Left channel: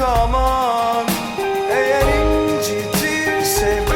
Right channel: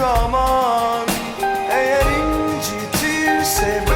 Aman Eğer incitirse